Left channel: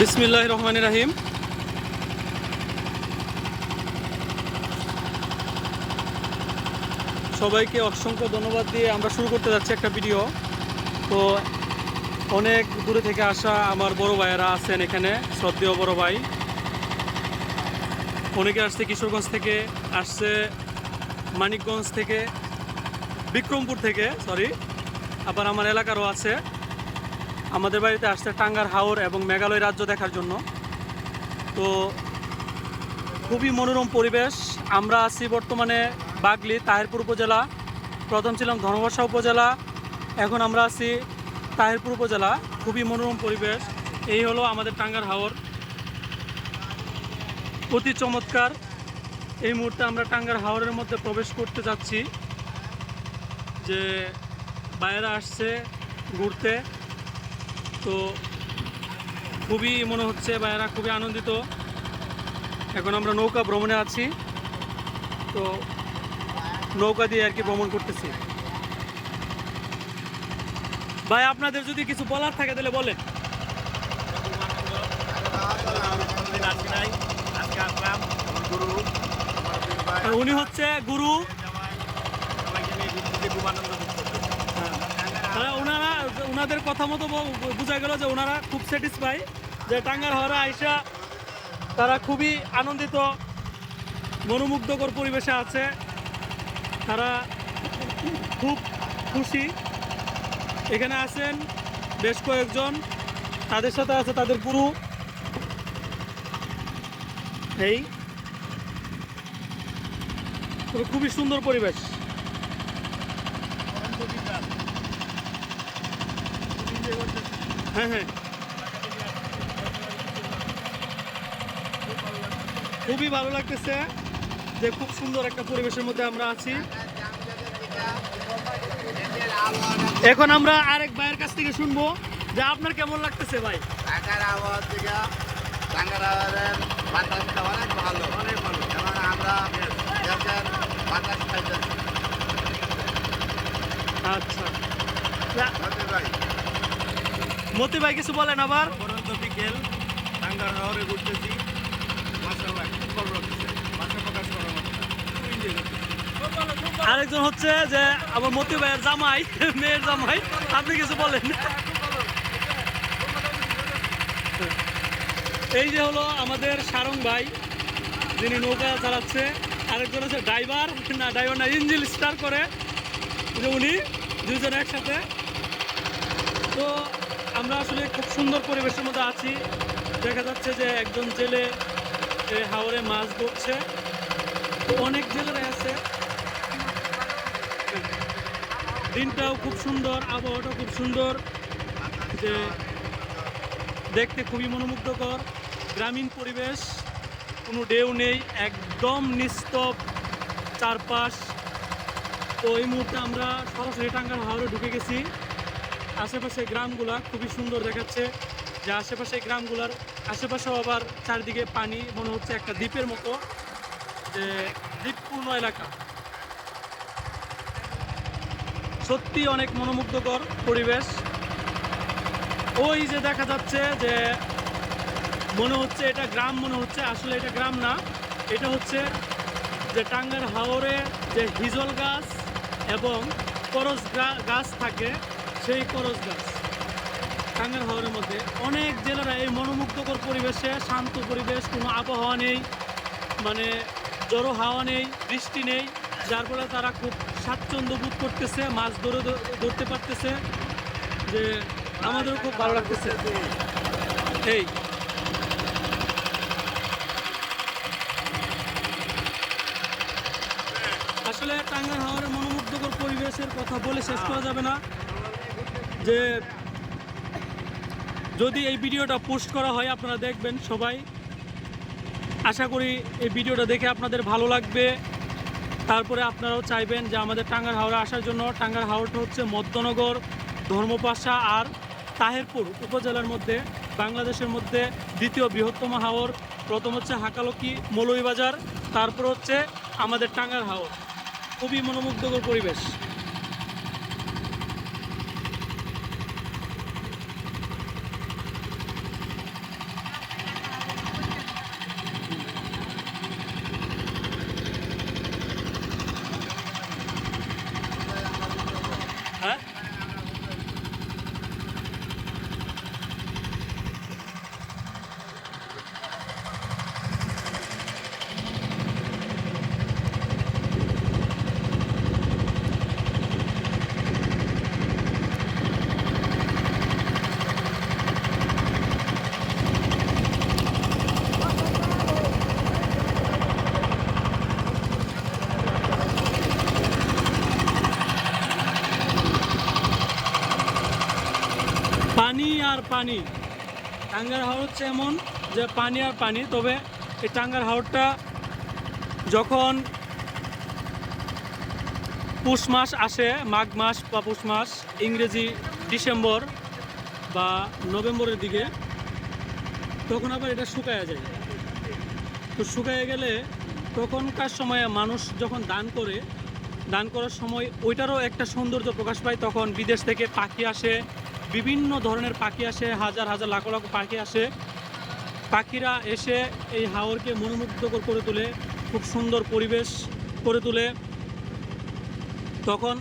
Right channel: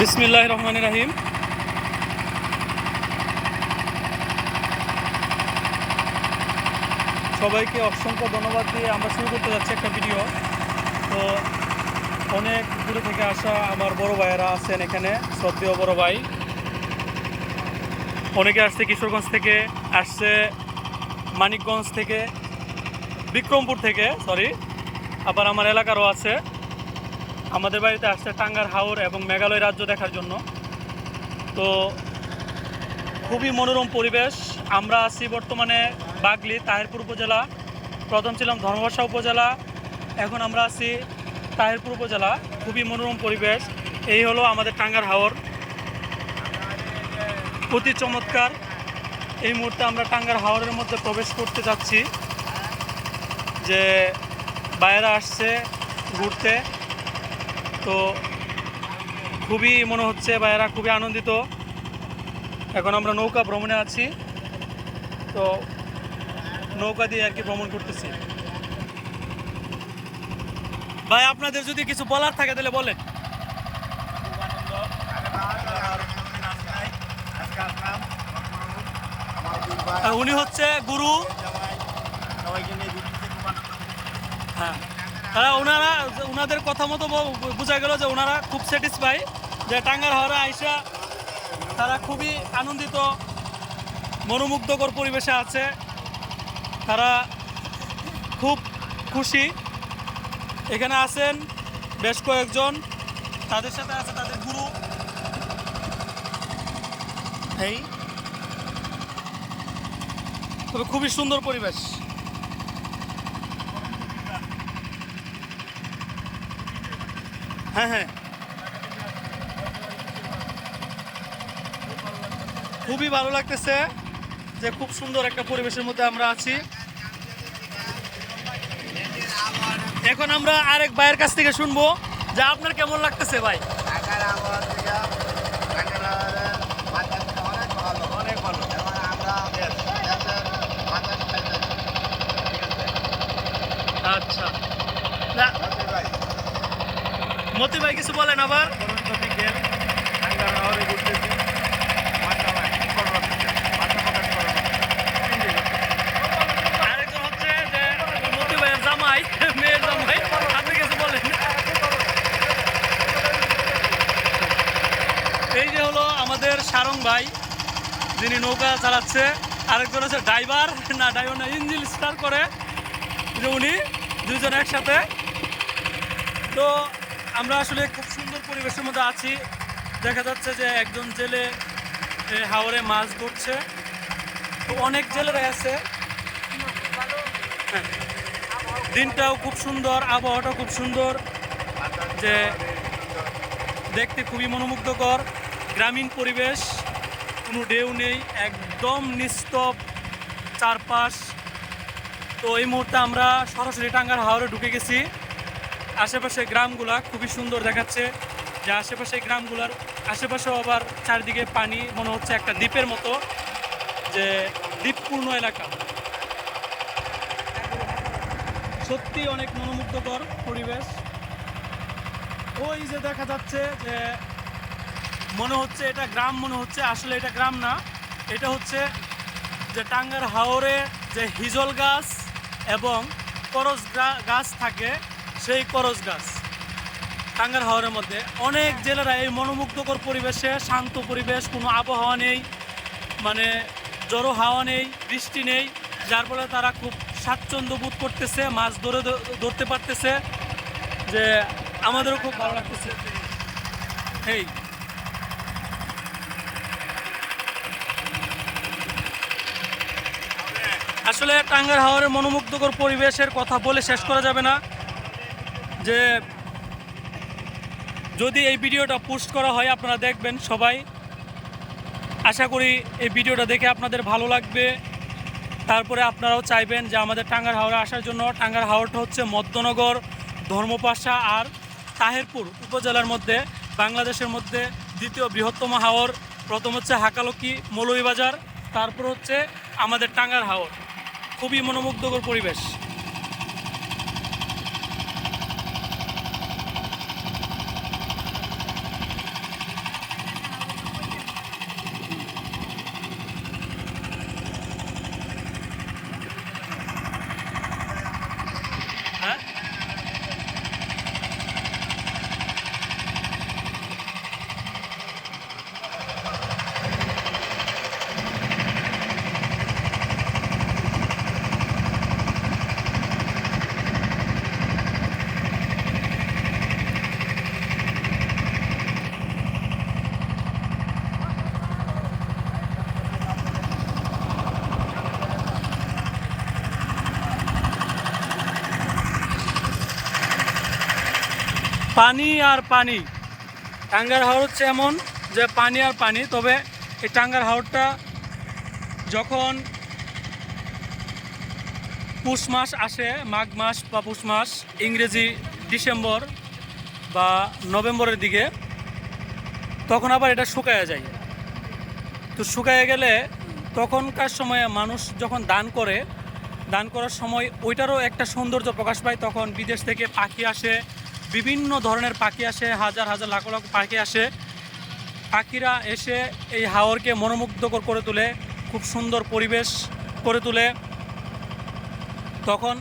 বিসমিল্লাহির রহমানির রহিম। সবাইকে অসংখ্য ধন্যবাদ দিয়ে আমরা শুরু করতে যাচ্ছি একটা ভিডিও। তো অনেক দূরে থেকে আসা আমার বড় ভাইয়েরা আছেন এখানে, শ্রদ্ধেয় বড় ভাই। অনেকে আসছে কিশোরগঞ্জ থেকে, আসছে মানিকগঞ্জ থেকে, বিক্রমপুর থেকে, আবার আমার এলাকারও আছে। আমাদের বাড়িতে আসছে টাঙ্গার হাওর এবং মেঘালয় রাজ্য দেখার জন্য। তো খুবই মনোরম পরিবেশ। আমরা আছি বর্তমানে বাগলি, তাহিরপুর উপজেলা। প্রথম ছিলাম ধর্মবর্ষা উপজেলা, এখন আমরা আছি তাহিরপুর উপজেলা। খুবই মনোরম পরিবেশ। এই হলো আমাদের টাঙ্গার হাওর, অতি চমৎকার। এই মুহূর্তে আমরা টাঙ্গার হাওরের মধ্যে প্রবেশ করতে যাচ্ছি। যে বাইরে আসছে ঘুরতে, তো খুবই মনে হচ্ছে বাইরা খুবই আনন্দিত। এখন আমরা নৌকা ভ্রমণে আছি, তো নৌকা দিয়ে আর কি ভ্রমণ করতেছি। ভাই, আপনাদের যদি কিছু বলার থাকে তাহলে বলেন। উনি হচ্ছে গুরু। হ্যাঁ, ওনাদের কথা মতো বোঝা গেল যে ওনারা খুব স্যাটিসফাই যে টাঙ্গার হাওরে আইসা তারা খুবই আনন্দিত, মনোমুগ্ধকর পরিবেশে আছে। তারা খুব খুশি। এখানে আছেন বেশ কয়েকজন, তাদের সাথে আছে তাদের গুরু। এই তবে খুবই সুন্দর পরিবেশ। হ্যাঁ হ্যাঁ, খুবই ভালো লাগতেছে যে খুব সুন্দর একটা পরিবেশের মধ্যে আমরা আছি। এখন আমরা আরেক ভাইয়ের কাছ থেকে শুনবো যে আপনার কেমন লাগতেছে ভাই। আচ্ছা, মতি ভাই কিছু বলেন আবার। বিকেল টাঙ্গার হাওরে ঘুরতেছি, মাশাআল্লাহ খুব ভালো লাগতেছে, ভাষা প্রকাশ করার মতো না, খুব এনজয় করতেছি। আরেকজন হচ্ছে যে আমার মতি ভাইয়ের জামাই, মেয়ের জামাই, আপনি কিছু বলেন। এই যে হলো আমাদের সারং ভাই, যিনি নৌকা চালাচ্ছে। আরেকজন হচ্ছে ড্রাইভার না ইঞ্জিন স্টার করে, যে উনি দুইজন একসাথে। তো আমরা আসলে খুব সুন্দর পরিবেশের মধ্যে আছি। দেখা যাচ্ছে যে একজন জেলে হাওরে মাছ ধরছে। তো অনেক জেলেরা আছে। দিনটাও খুব সুন্দর, আবহাওয়াটাও খুব সুন্দর, যে দেখতে খুবই মনোমুগ্ধকর। গ্রামীণ পরিবেশ, কোনো ঢেউ নেই, একদম নিস্তব চারপাশ। তো এই মুহূর্তে আমরা সরাসরি টাঙ্গার হাওরে ঢুকে গেছি। আশেপাশে গ্রামগুলা খুবই সুন্দর দেখাচ্ছে, যে আশেপাশে গ্রামগুলার আশেপাশেও আবার চারিদিকে পানি, মনে হচ্ছে একটা দ্বীপের মতো, যে দ্বীপপূর্ণ এলাকা। সত্যি অনেক মনোমুগ্ধকর পরিবেশ। ওই যে দেখা যাচ্ছে যে মনে হচ্ছে এটা গ্রাম, মনে হচ্ছে আসলে এটা গ্রাম না, এটা হচ্ছে যে টাঙ্গার হাওরে যে হিজল গাছ এবং করজ গাছ থাকে, সেই করজ গাছ টাঙ্গার হাওরের মধ্যে। অনেক জেলেরা এই মনোমুগ্ধকর পরিবেশে, শান্ত পরিবেশ, কোনো আবহাওয়া নেই, মানে জড়ো হাওয়া নেই, বৃষ্টি নেই, যার ফলে তারা খুব স্বাচ্ছন্দ্য বোধ করতেছে, মাছ ধরতে পারতেছে। যে আমাদেরও খুব ভালো লাগতেছে। এই আসলে টাঙ্গার হাওরের মনোমুগ্ধকর পরিবেশের কথা বলে শেষ করা যাবে না। যে যদি এই ভিডিওটা পোস্ট করা হয়, আপনারা দেখবেন সবাই। আশা করি এই ভিডিওটা দেখে আপনাদের ভালো লাগবে। তারপরে আপনারাও চাইবেন যে আমাদের টাঙ্গার হাওরে আসার জন্য। টাঙ্গার হাওরটা হচ্ছে মধ্যনগর, ধর্মপাশা আর তাহিরপুর উপজেলার মধ্যে, বাংলাদেশের মধ্যে দ্বিতীয় বৃহত্তম হাওর। প্রথম হচ্ছে হাকালকি, মৌলভীবাজার, তারপর হচ্ছে আমাদের টাঙ্গার হাওর। খুবই মনোমুগ্ধকর পরিবেশ। পানি আর পানি। টাঙ্গার হাওর হচ্ছে এমন যে পানি আর পানি। তবে এই টাঙ্গার হাওরটা যখন পৌষ মাস আসে, মাঘ মাস বা পৌষ মাস, ইংরেজি ডিসেম্বর বা নভেম্বরের দিকে, তখন আবার এটা শুকায়া যায়। তো শুকায় গেলে তখনকার সময়ে মানুষ যখন দান করে, দান করার সময় ওইটারও একটা সৌন্দর্য প্রকাশ পায়। তখন বিদেশ থেকে পাখি আসে, বিভিন্ন ধরনের পাখি আসে, হাজার হাজার লাখ লাখ পাখি আসে। পাখিরা এসে এই হাওরকে মনোমুগ্ধকর করে তোলে, খুব সুন্দর পরিবেশ করে তোলে। তখন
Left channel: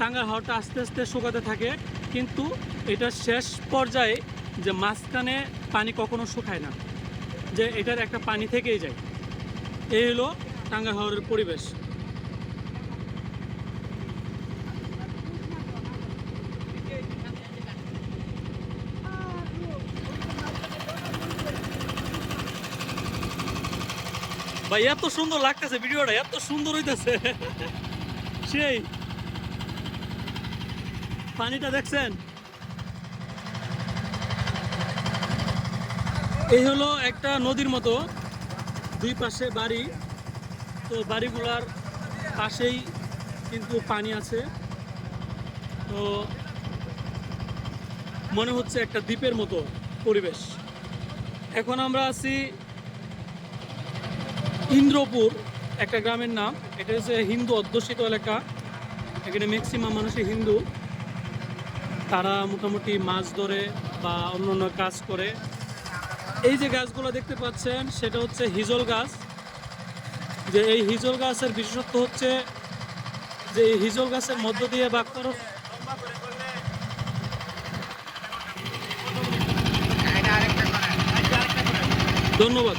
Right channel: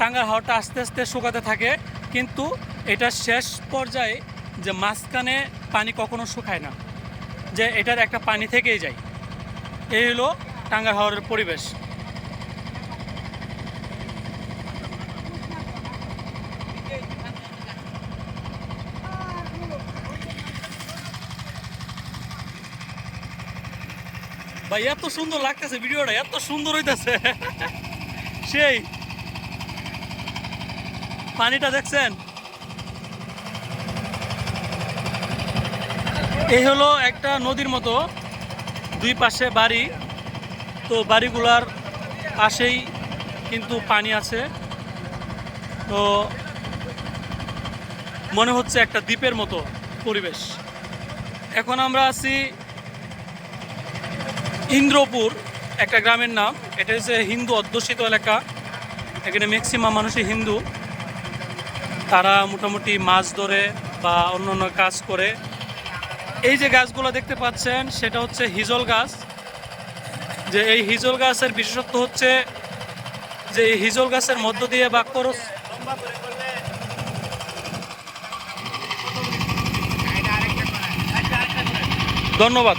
টাঙ্গার হাওরটা আস্তে আস্তে শুকাতে থাকে, কিন্তু এটা শেষ পর্যায়ে যে মাঝখানে পানি কখনো শুকায় না, যে এটার একটা পানি থেকেই যায়। এই হলো টাঙ্গার হাওরের পরিবেশ। ভাই এত সুন্দর লাগতেছে, ভিডিওটা এত সুন্দর হইতেছে। সেই পানিটা দেখছেন? এই হলো একটা নদীর মতো, দুই পাশে বাড়ি। তো বাড়িগুলার পাশেই কিন্তু পানি আছে। তো মনে হচ্ছে একটা দ্বীপের মতো পরিবেশ। এখন আমরা আছি ইন্দ্রপুর, একটা গ্রামের নাম। এটা হচ্ছে হিন্দু অধ্যুষিত এলাকা। এখানে ম্যাক্সিমাম মানুষই হিন্দু। তারা মোটামুটি মাছ ধরে বা অন্যান্য কাজ করে। এই যে গাছগুলো দেখতে পাচ্ছেন সেটা হচ্ছে হিজল গাছ। যে এই হিজল গাছের বিশেষত্ব হচ্ছে যে এই হিজল গাছের মধ্য দিয়ে বা করস। ধন্যবাদ।